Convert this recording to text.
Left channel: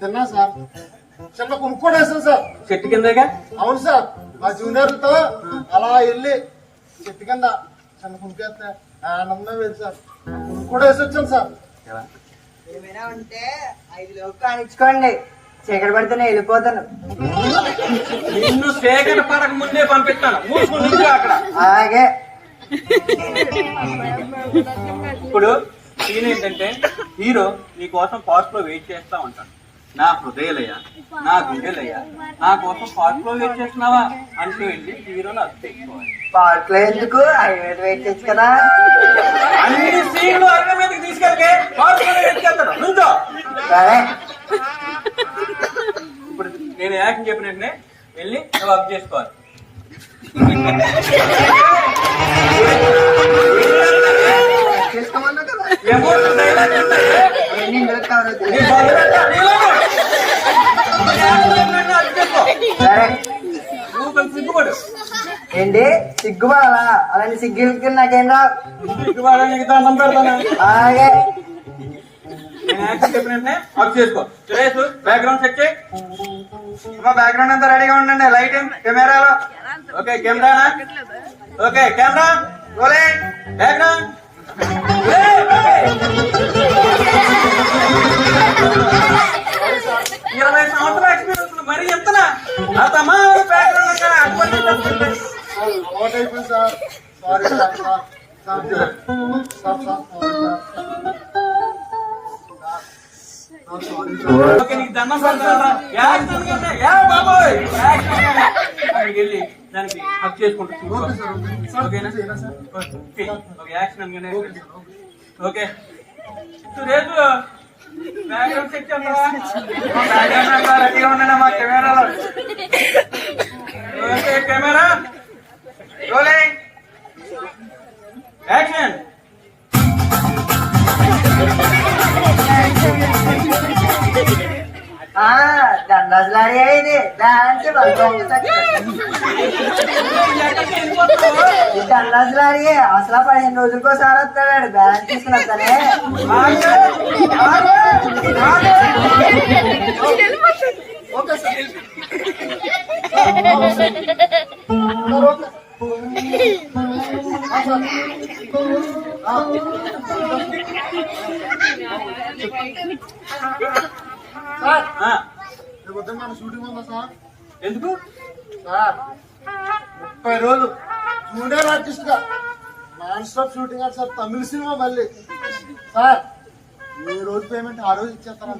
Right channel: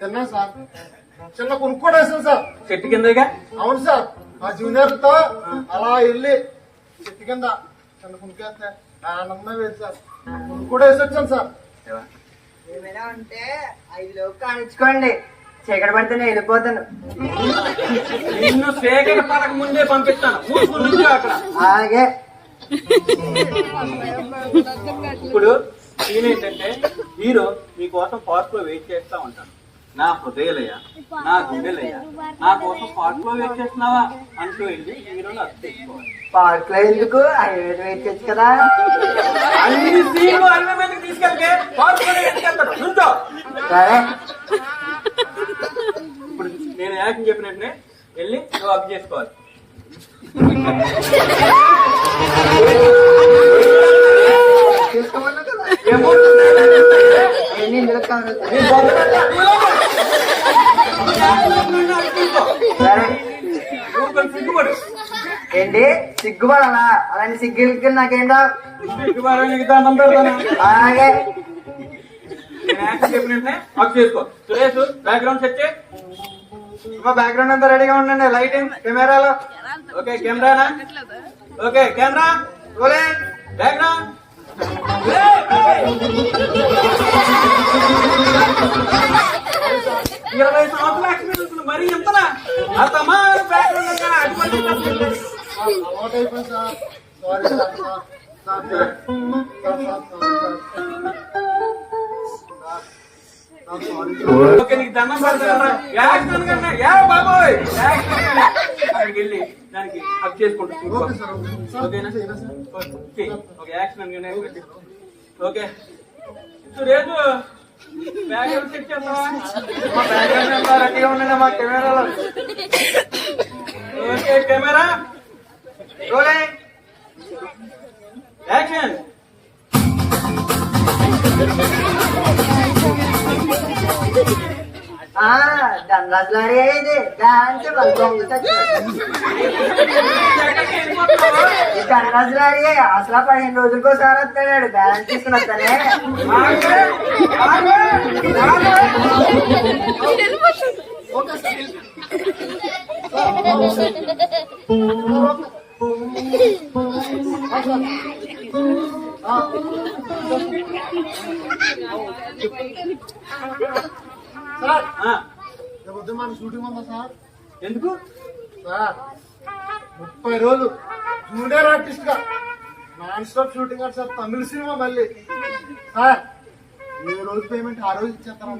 తిన్నా సార్. చిన్న కొనుక్కోడు వేసాను సార్. చెట్టు కిందగా. అవును సార్. మా జూనియర్లతో అలా వెళ్ళి చెట్టు కింద చిన్న కొనుక్కేస్తే ఆనందమే లేదు సార్. కొనుక్కోడు వేసి వచ్చాను సార్. ఏమైనా ఉంటే 5 లోపు కానిచ్చుకోండి. చీకటి పడితేనే వెళ్ళిపోతాను. నిన్ను సేకరణ పడక ముందే పంపిస్తాను. మూసుకుని అక్కడ. అలాగే. ఇప్పుడు సీన్ ఏంటంటే హీరో నీ కోసం పార్క్ లో వెయిట్ చేస్తా ఉంటాను. నా హృదయలయ్యా, నా గుండెలయ్యా, నా కోసం పార్క్ లో వెయిట్ చేస్తున్నావా అంటూ వెళ్ళి హీరోలో అర్థించుకోవాలి. పార్క్ లో ఎందుకు? హైవే వెయిట్ చేయొచ్చు కదా. అన్ని సీన్లు అన్న మీదకి తీసుకెళ్తే పార్క్ లో తీసుకెళ్తాడు. నుంచో. సరే. ఇప్పుడు నేను యాక్షన్ చెప్పినట్టునే వెళ్ళి నువ్వు వర్క్ చేసుకోవాలి. చేసుకోమన్నా కదా. ఎమోషన్ ఎన్ని ఇందులో కావాలి? సరే. సిగ్గుపడు. ఏంటి సిగ్గుపడాలా? అలాంటి సిగ్గు నాకేం రావు. సిగ్గుపడ నీకు దండం పెడతాను. అలాగే. నేను యాక్షన్ చెప్పినట్టునే వర్క్ చేసుకో. సురేష్ బ్యాక్గ్రౌండ్ సెట్ చేయి. బ్యాక్గ్రౌండ్ అంతా రెడీగా ఉండండి. లైటింగ్ కెమెరాలో. ఓకే కెమెరానా? Okay camera rolling. బ్యాక్గ్రౌండ్ 20 సంవత్సరాల ఎక్స్పీరియన్స్ మరి ఎంతనా అతమా బ్యాక్గ్రౌండ్ అటువంటి అలవాటు అయిపోయింది సార్. Sorry sir. ఓకే నీకు దండం పెడతారా? యాక్షన్ కన్నా యారా బాబోయ్ యాక్షన్ అక్కడికి వెళ్ళి దానికి వర్క్ చేసుకుంటూ ఓకేనా? ఓకే యాక్షన్ అనగానే ఓకే సురేష్ బ్యాక్గ్రౌండ్ సెట్ చేస్తావా? బ్యాక్గ్రౌండ్ రెడీగా ఉండండి మా కెమెరాలో. Okay camera rolling action. దండరాజులాడి ఇది డాన్స్ దండరాజులాడి అసలు 15 రోజులకోసారి వస్తాడు. బ్యాలెన్స్ తీసుకుని వస్తానే. Okay sir. సార్ రేపు మన షూటింగ్ ఉందా సార్? ఎందుకు సార్ 30 రోజులు జూనియర్ ఆర్టిస్ట్ గా నాన్ స్టాప్ షూటింగ్ సార్. తమిళ సినిమా మళ్ళీ సార్ ఏ రోజు పేమెంట్ ఆ రోజు ఇచ్చేస్తారా?